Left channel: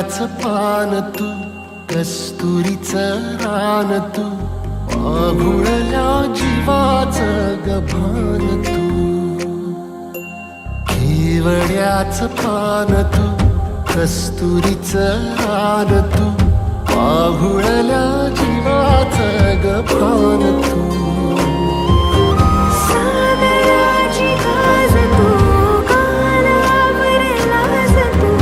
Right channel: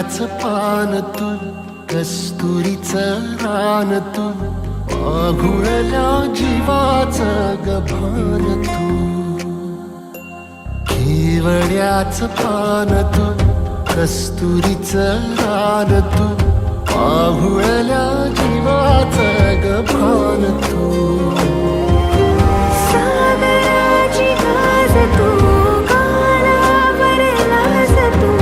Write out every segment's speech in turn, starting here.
केवड्याचं पान तू, कस्तुरीचं रान तू, पाघुळल्या जीवाचं गभान तू. केवड्याचं पान तू, कस्तुरीचं रान तू, पाघुळल्या जीवाचं गभान तू. सागराची गाज तू, कालावर लाज तू,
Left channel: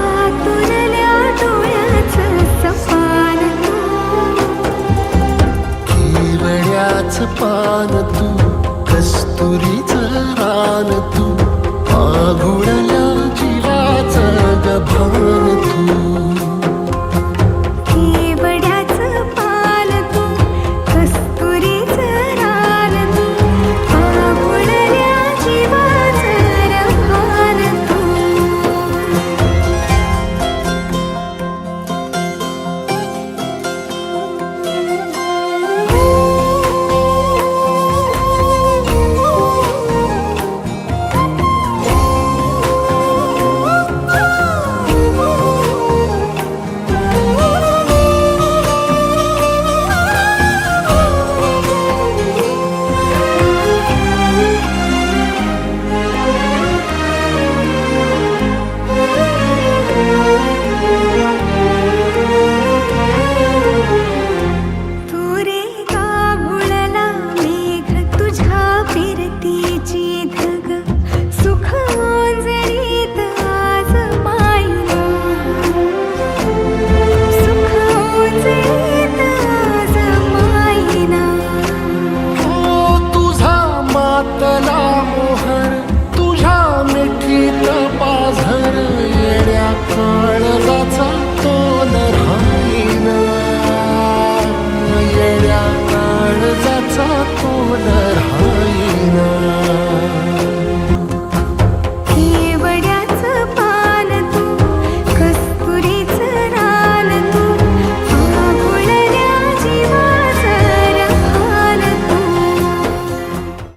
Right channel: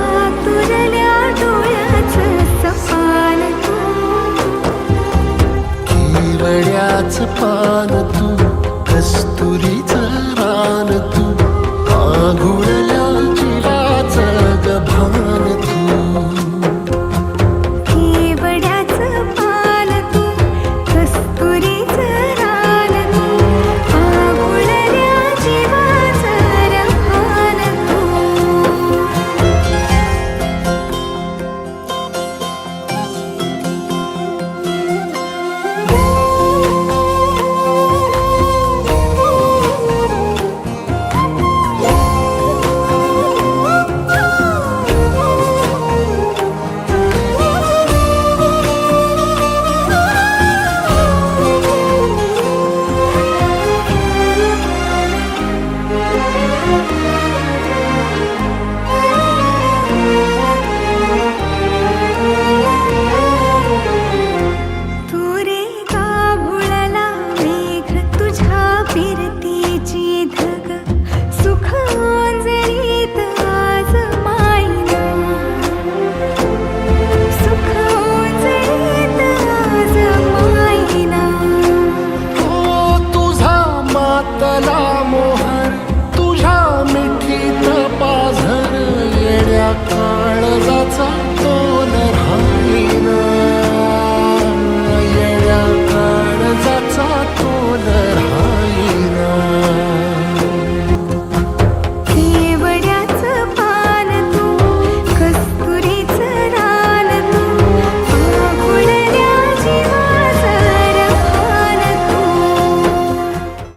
आतुरल्या डोळ्याचं सपान तू. केवड्याचं पान तू, कस्तुरीचं रान तू, पाघुळल्या जीवाचं गभान तू. केवड्याचं पान तू, कस्तुरीचं रान तू, पाघुळल्या जीवाचं रभान तू. फिरतीची धग सुख ओंजळीत आज मायना, सुख ओंजळीत आज मायना. हो तुझा मातला मोहर, तुझ्या मिठीत पाझर, येड्या काळजाचा तोल राहीना, येड्या काळजाचा तोल राहीना.